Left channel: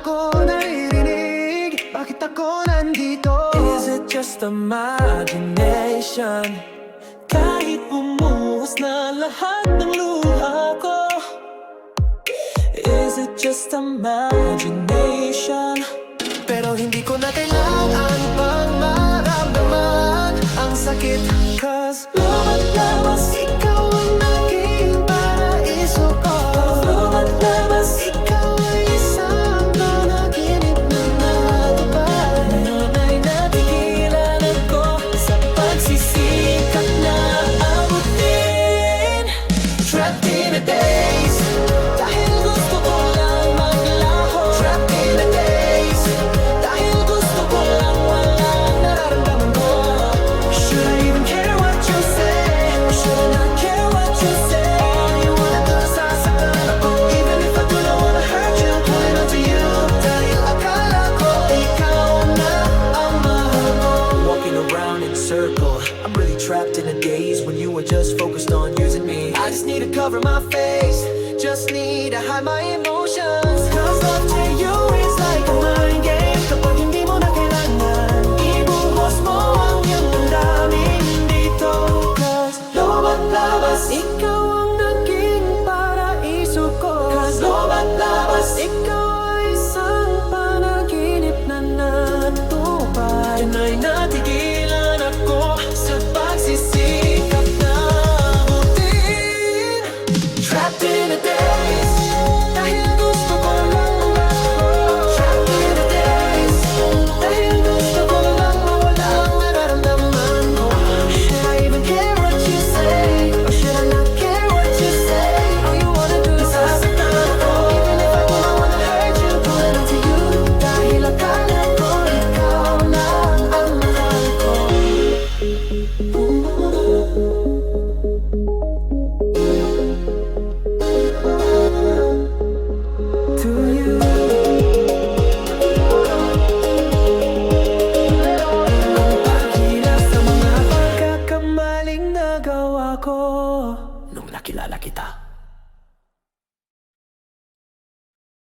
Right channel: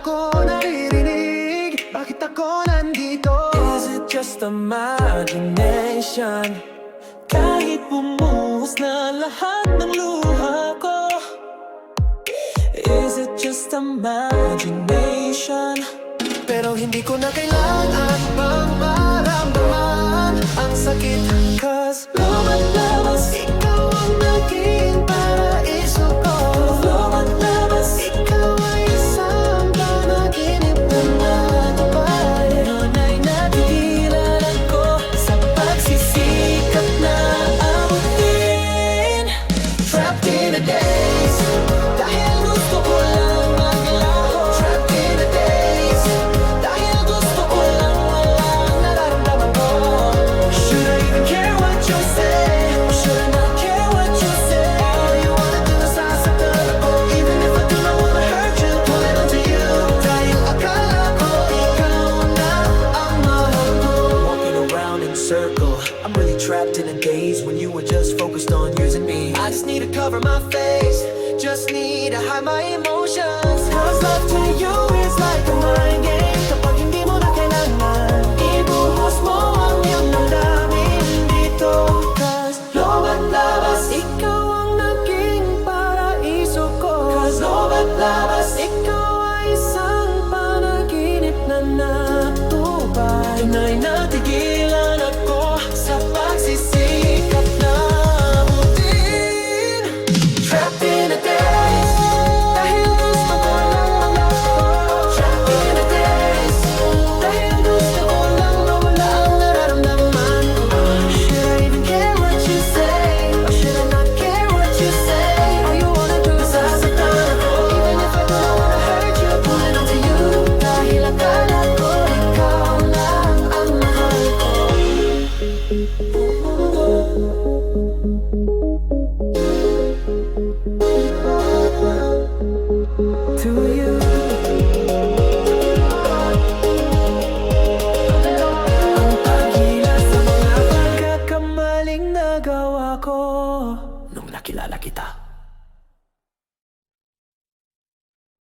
ako naririnig? Bakit ako nandito? Is it just imagination? Kahit bumuhos na lahat ng luha ko Is it just imagination? Pero hindi ko na kailangan pang maramdaman Ang sakit Cause loob at labas ikaw circle. I'm really trapped in a daze When you were just focused on using me. I just need to cover my face. Just need to hide my emotions. Cause love to you is ko Cause lubat labas. Ikaw ay isang panaginip na natupay Yun ay natigilan ako Sa pagsisikap na abutin Trapped in a daze. Dahil gusto ko lang mangasko Trapped in a daze. Dahil gusto ko lang mawala ang nararamdaman ko. Should I even care what you say? Or should I not care what you say? Nagawa ko. Nung nakilala kita